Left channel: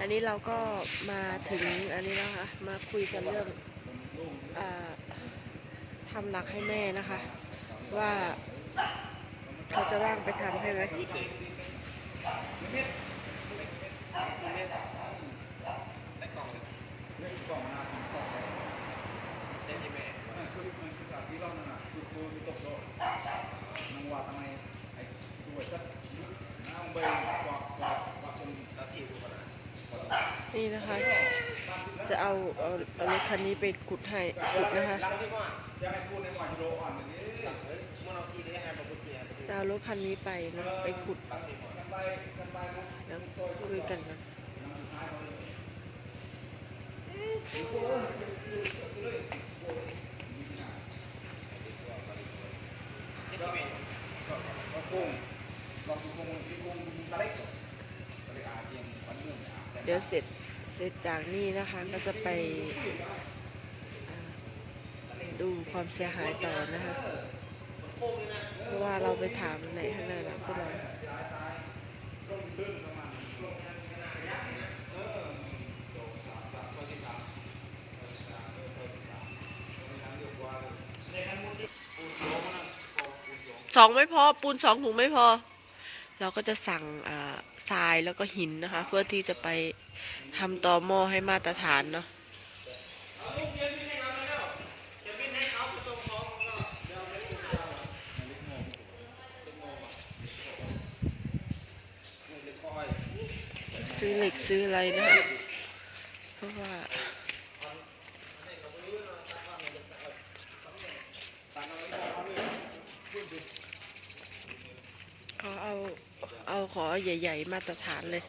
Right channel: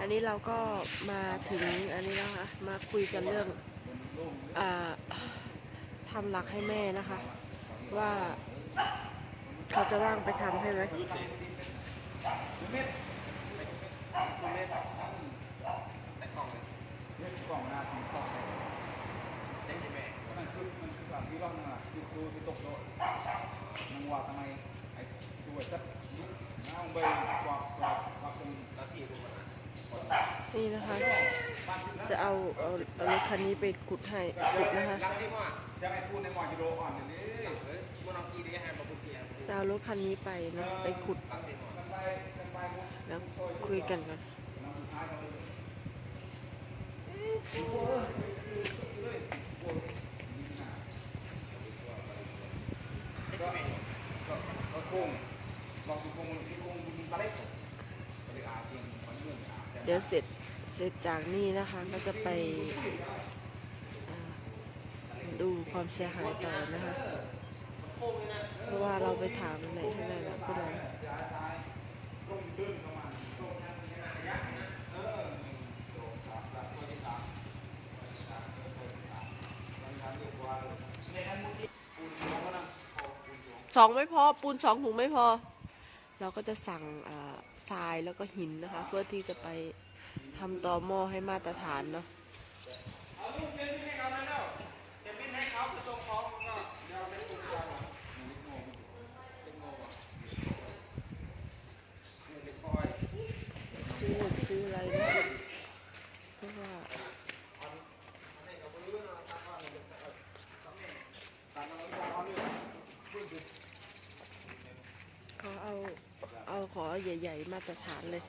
อันนี้เราก็มาถึงอันนี้นะคะมาคุยกันเรื่องอทำหลักให้แม่นะคะ ว่าเขาจะว่างไปทำให้ไหมที่เราเนี่ยคือคือคือตกโดดนางว่าทำไมไอ้สวจัดน้าองใบกวาดกวาดกวาดจนนาทีกูขนา นี่นะคะ จะเอาเอาเอารถคันนี้ไปขุดให้ขุดนะคะจ้างนี้จะเอารถคันนี้ไปนะไปขุดแล้วคุยกันนนำสุดท้ายเขาเลยก็กุ้งลองดูกุ้งที่กุ้งกุ้งตะเล็ก ดี๋ยวเสร็จเสร็จจากนี่นะคะก็จะไปดูความเสียหายต่อนะคะเพราะว่าเราไปถามในข้างในนะพวกเราสองไม่พอปูนสองถุงไม่พอ เราก็จะสั่งทรายแล้วก็หินนะคะ เพื่อที่จะไป ทำต่อหม้อให้มาตรฐานเนาะซื้อเหล็กซื้ออะไรนะ เพราะว่าเขาเอา เอาขอใหญ่ ๆ มาตรฐานเลย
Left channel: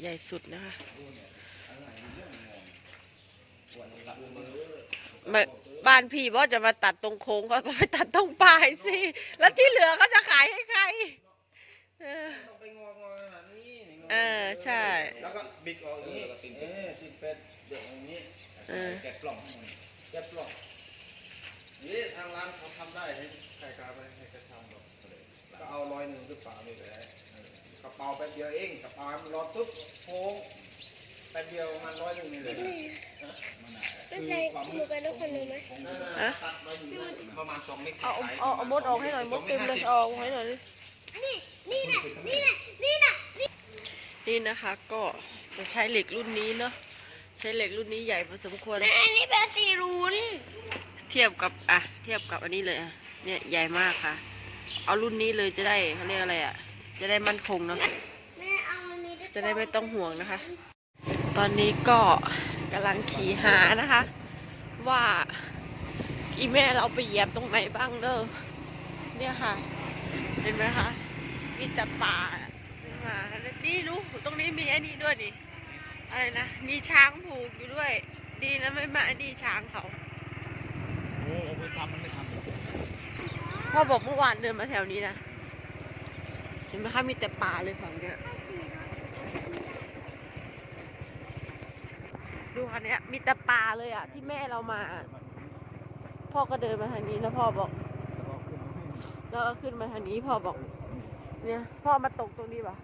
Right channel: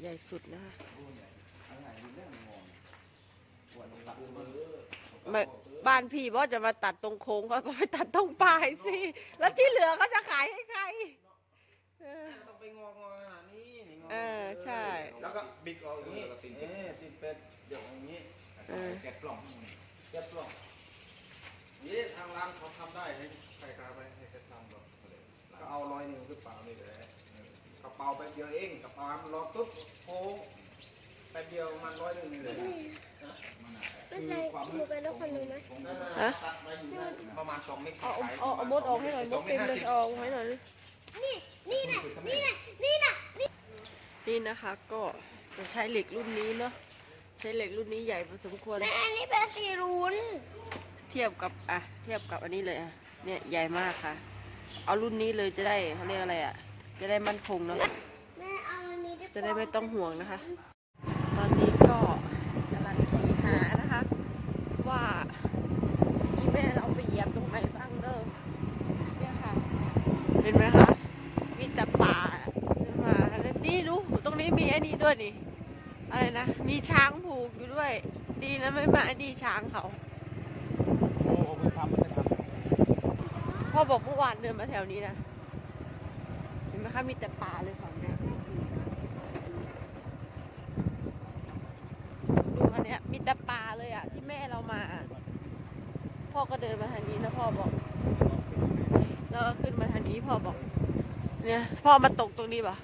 ใหญ่สุดนะคะไม่บ้านพี่ว่าจะมาตัดตรงโค้งเขาก็ไปตัดตรงปลายสิ แล้วที่เหลือเขาจะขายให้ใคร เออต้องไปงองอขนาดนี้นี่งเออใช่ แล้วก็บิดออกอย่างนี้เออติดเป็ดเดี๋ยวอย่างนี้เออแกะปล่องแกะปล่องนี่ทางร้านเขาทำได้เลยใครกล้าไปให้กระชางแบบก็เอาร้อยหนึ่งหรือเปล่านี่แหละเออ กระเป๋าแป๊บเดียวเองกระเป๋ามันรอปุ๊บโค้งแป๊บเดียวประมันร้อยหนึ่งนี่เลยนะมันน่ะไม่ใช่หนูเป็นลูกคนหนึ่งไหมฮะ ตัดมาอยู่ประมาณสองเมตรเอาเอาเอามดออกให้หน่อยมดเต็มเลยเอาออกให้หน่อยดินี่นี่น่ะนี่น่ะนี่น่ะนี่นะคะก็จะใช้เหล็กรุ่นนี้เนาะใช้เหล็กรุ่นนี้ใหญ่พอสมควร แม่อันนี้เป็นสีรุ้นเทียบกับอะเทียบกับอันนี้เลยอะเนี่ยใหญ่มากค่ะ เอารุ่นนี้เลยจะได้เขาเรียกอะไรอะ จะได้มั่นคงเนาะแม่เอาอันนี้จะได้ไม่ต้องห่วงนะคะ ตอนนี้ก็กำลังขี่หานะคะ ว่าอีแม่เราไปเหยียบตรงไหนบ้างเด้อเนี่ยค่ะ เห็นไหมคะมีแต่ป่ามาแล้วนี่รู้ตรงนี้มีไอ้นี่ด้วยดิอะไรนะมีช้างผูกอยู่ด้วย ดีนะไม่มาไอ้นี่ช้างเขาโอ้ไปทำให้ก่อนพ่อบอกเมื่อวานเดินมาแถวนี้นะเห็ นไหมคะมีแต่ป่าเลยแถวเนี้ยดูอันเนี้ยมีแต่ป่าเลยอะที่แม่เรามา พ่อก็เดินมาทางนี้นะพ่อบอกแล้วก็ขึ้นมาทางนี้พ่อบอก เนี่ยพ่อมาตกตรงนี้ปะ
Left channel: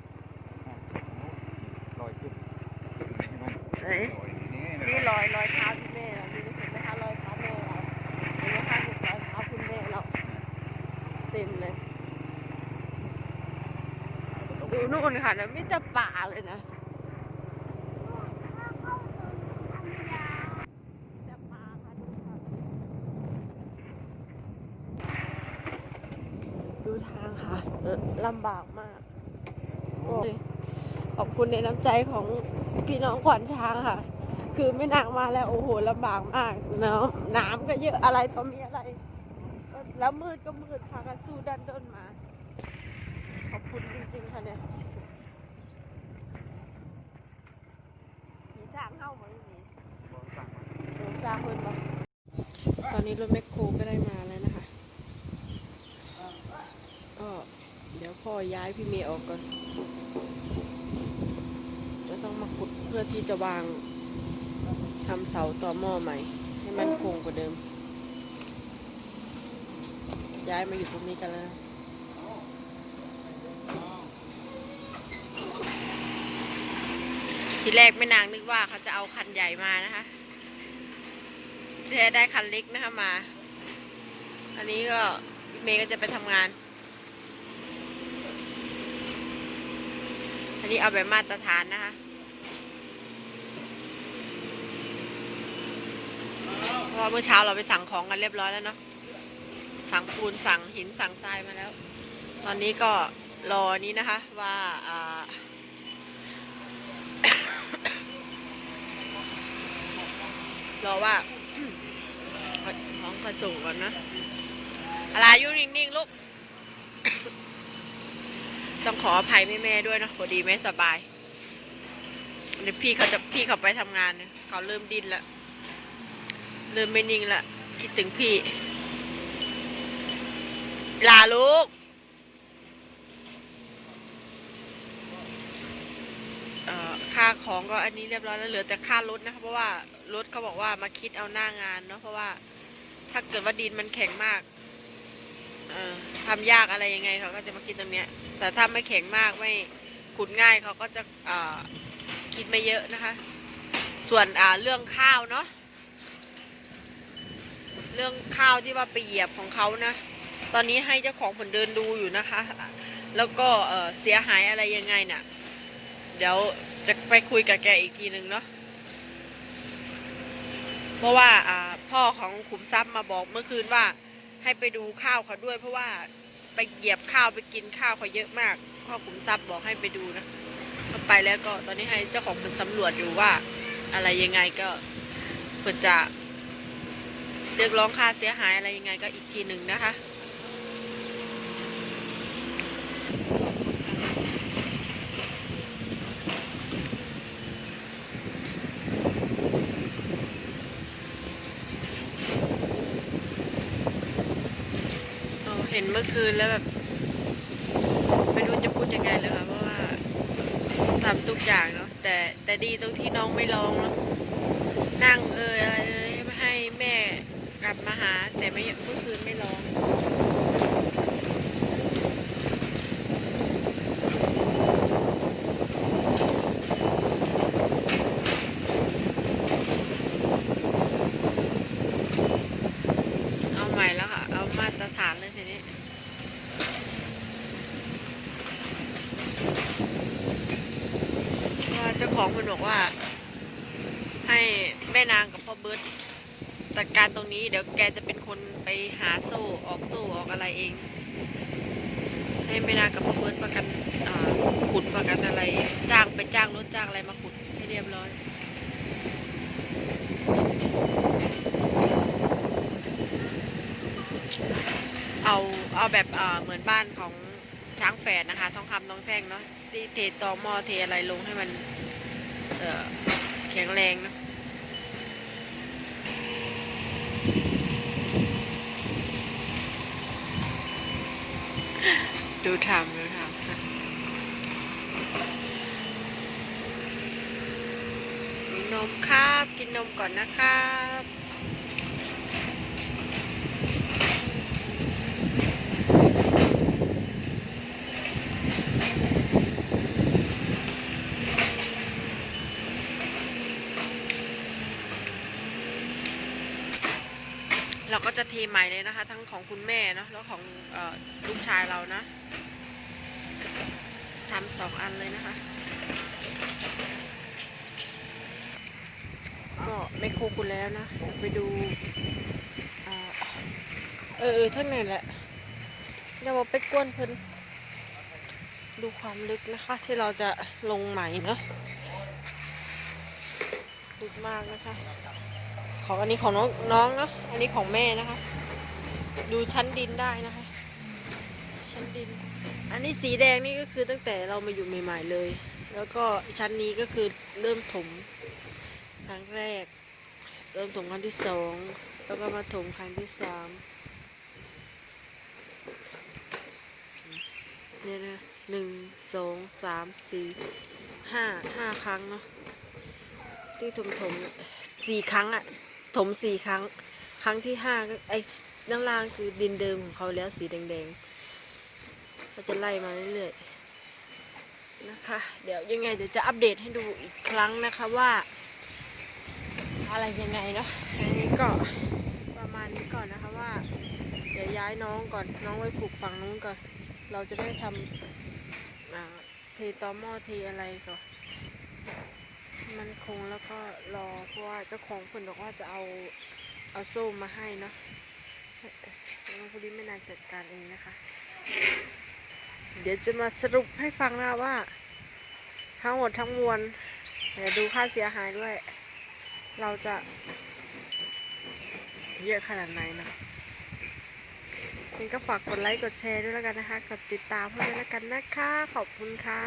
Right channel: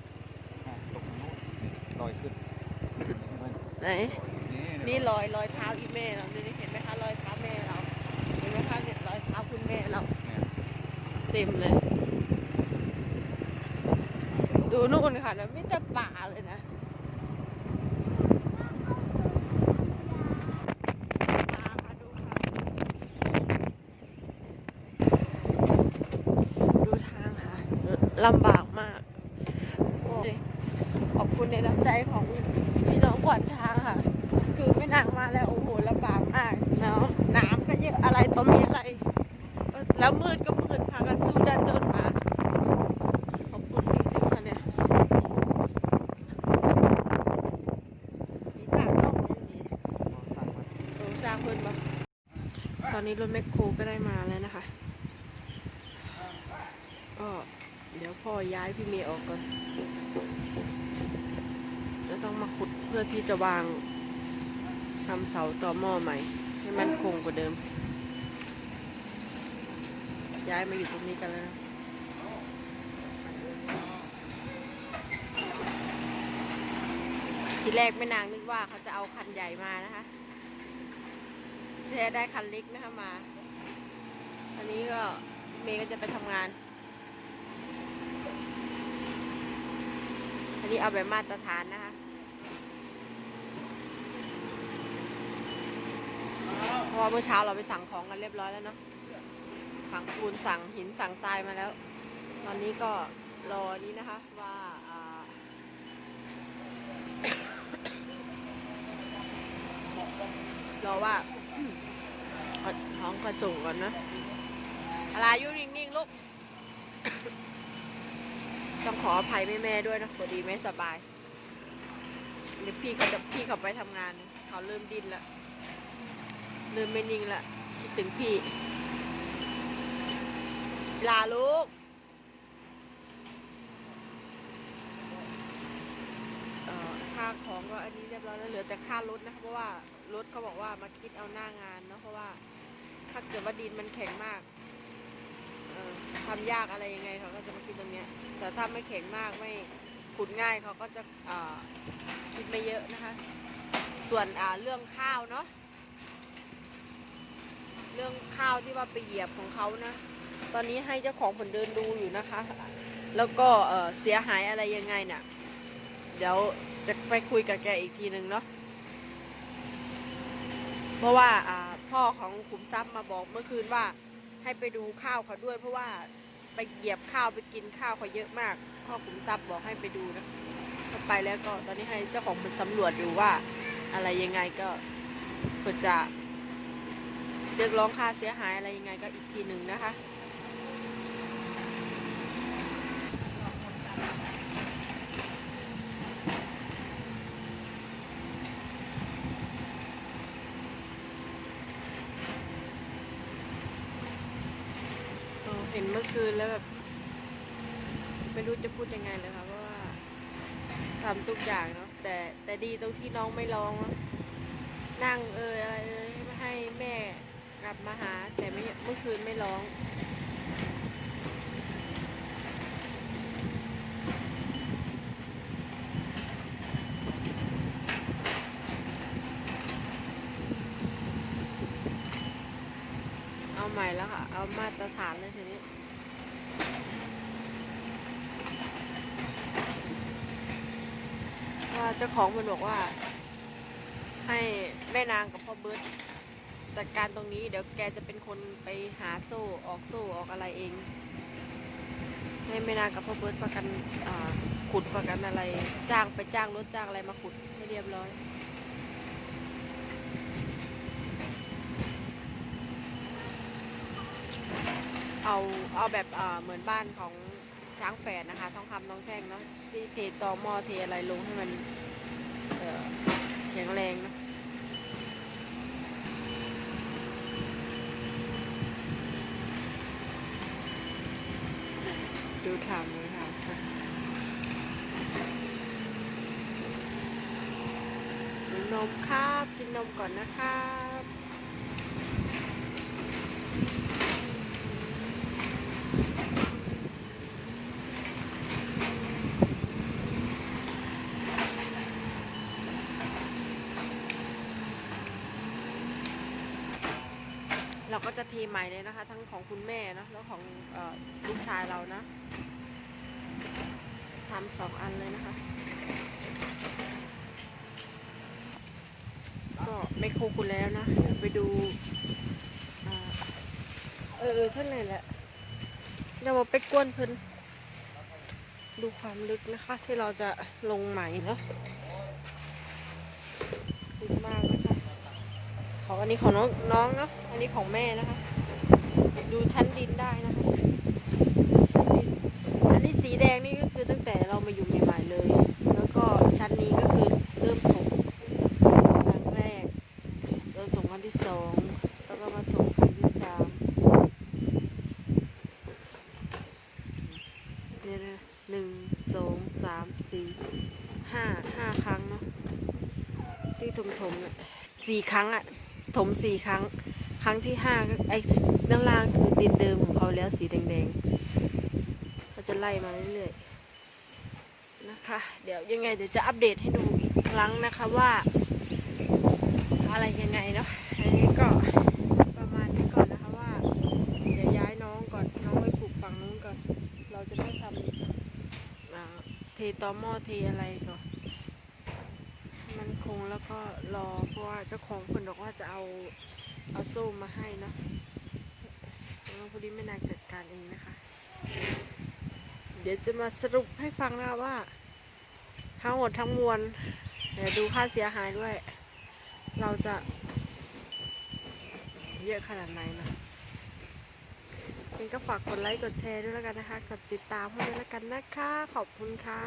ลอยขึ้นไหนนี่รอยรอยเท้าที่แม่เราดูนี่เห็นไหมคะรอยเท้าแม่เราเห็นไหมคะเนี่ยรอยเท้าคุณแม่เรา เต็มเลยดู นู่นค่ะนะมิตรป่าเลยนะดูทางค่ะลำบากมากขอบคุณในน้ำใจของพี่น้องขวัญช้างค่ะ คือไม่นางมาแล้วโอ้โหลำบากมากเนาะน้ำก็เยอะอะไรต่อมีอะไร แล้วมืดก็มืดพากันสู้ดันเดินมา ขอบคุณจริงๆค่ะเนี่ยผีสางเราไม่มีโอ้จ้าเพิ่นบ่ตอนนี้รถแมคโครก็ได้มาแล้วนะคะ ก็เดี๋ยวพ่อย้ายพี่เมย์ออกก่อนแล้วต้องมาขุดเพื่อที่จะวางทำเสาต่อหม้อใหม่ ให้มันคงกว่าเดิม ย้ายมาอยู่ตรงนี้กันแล้วนะทีแรกแม่นางนึกว่าเขาจะเอาคันใหญ่มานะคะแท้ได้คันเล็กนะคะมา อันนี้ก็เมย์ก็จะไปทำงาน อันนี้เอาแบบมาตรฐานนะคะเพราะว่าเมื่อเช้าเราไปสั่งของกันเรียบร้อยแล้วเนาะสั่งปูนสั่งหินสั่งทรายมาแล้ว ตอนนี้ก็รอนี้นะคะ ว่าอารอว่าเอาของกระส่งก่อนนะอะไรอยู่นิ่งๆลูก ต้องขออภัยแม่แม่ด้วยนะพอดีไม่สบาย เดี๋ยวพี่เขาจะพี่เขาไปทำงานเนี่ยเขาเริ่มดิ้นละเริ่มไม่นิ่งละคิดถึงพี่ ลาลูกค่าของก็อันนี้เรียบร้อยแล้วเหลือแต่ค่ารถนะคะเพราะว่ารถเขาบอกว่ามาคิดเอาหน้างานเนาะเพราะว่าถ้าเกิดว่าดินมันแข็งมาก ทำยากอะไรยังไงเขาก็จะมาคิดตรงเนี้ย แต่ถ้าไม่แข็งมากไม่ขุดง่ายเขาก็จะคิดไม่เยอะนะคะ ส่วนเรื่องข้าวเนาะเรื่องข้าวที่ว่าไปเหยียบของเขานะ ตอนนี้ให้เจ้าของผลเดินดูอยู่นะคะ แล้วก็เสียหายอะไรยังไงน่ะ เดี๋ยวจะไปคุยกับแกอีกทีหนึ่งเนาะ เพราะว่าพ่อของขุมทรัพย์มาบอกเมื่อคืนว่า ให้ไปดูข้าวเขาด้วย เพราะว่าไปเหยียบข้าวไปกินข้าวเขาเยอะมากพ่อขุมทรัพย์บอกให้ไปดูนะก็ไปแล้วก็ตอนนี้ให้เจ้าของเป็นสำรวจอยู่ว่า อะไรยังไงก็เพื่อจะเรียกร้องค่าเสียหายอะไรยังไงก็อีกทีหนึ่งนะคะ เห็นเมื่อคืนแล้วแบบ ไม่รู้จะพูดยังไงเลยค่ะเพราะว่าทำทุกอย่างเนาะแต่แต่ดีตรงที่น้องไม่ร้องเนาะนั่งเอยอะไรเอยให้แม่กลับมาหา แต่ไม่เมื่อคืนไม่ร้อง เอาใหม่แล้วค่ะ เอามาตรฐานเลยทีนี้ ว่า เจ้าของมันบอกว่า ให้แม่นางกับพ่อเบิร์ตจัดการตรงนี้เดี๋ยวแกจะเป็นคนไปหาโซ่ออกโซ่ออกอะไรเอง ให้แม่นางกับพ่อเบิร์ตประกันขุดประกันอะไร จ้างไปจ้างรถจ้างอะไรมาขุดให้เรียบร้อยเอาเอาแบบเหมือนบ้านของช้างแฝดนะคะ ทองคำทองแท่งเนาะที่เทตอหม้อเทอะไรลงให้มัน แข็งแรงนะดูทำดูทำค่ะนมครับ กินนมก่อนนะครับ เราก็จะเทใหม่เลยนะคะ ทั้งของคุณแม่เนอะแล้วของออลูกชายเรานะทำสองอันเลยนะคะ ก็ไม่โคคุณแล้วนะเดี๋ยวไปดูเออเออท่านไหนแหละเรามาไปกวนเพิ่นดูความลึกนะคะ ที่เราจะลงใหม่เนาะลึกมากนะคะ ของอันนี้ของน้องน้องเนาะอันนี้ของแม่นะคะ ดูชั้นดินได้นะคะชั้นดิน อันนี้สีแดงนี่ก็คือตั้งแต่เรามาอยู่ใหม่ๆเลย แล้วก็ชั้นนี้ก็คือเริ่มถมครั้งแรก เริ่มถมครั้งที่สองแล้วก็มาถมครั้งที่สามเนี่ยนะหนึ่งสองสามสี่ห้าห้าครั้งเนาะที่ถมถมสี่ครั้งอะ ถมสี่ครั้ง ครั้งที่ห้าไอ้ด้านล่างคือดินเดิมของเขาแล้วสีแดงๆก็จะไล่มาเรื่อยๆนะคะ เดี๋ยวยังไงเดี๋ยวจะอัปเดตให้ดูอีกครั้งนะคะว่า อะไรยังไงเนาะอันนี้ก็ประมาณนี้ก่อนนะคะว่า เดี๋ยวย้ายน้องก่อนน้องไปปลูกฝั่งนู้นก่อน เราจะได้ทำเทตอหม้อเทอะไรก่อน มันคงแล้วก็รอเพราะว่าเจ้าของคนบอกว่าจะเอาเอาโซ่มาให้เนาะน้องพอดีไม่นานจัดการเองนะคะ เดี๋ยวจะมาสรุปให้ฟังนะว่าทั้งหมดทั้งมวลเดี๋ยวดูค่าเสียหายด้วย เราจะเยอะขนาดไหนนะงั้ก็ฝากกดไลค์กดแชร์ด้วยแล้วกันนะคะ กดติดตามให้ด้วยแล้วกันนะคะ ขอบคุณค่ะ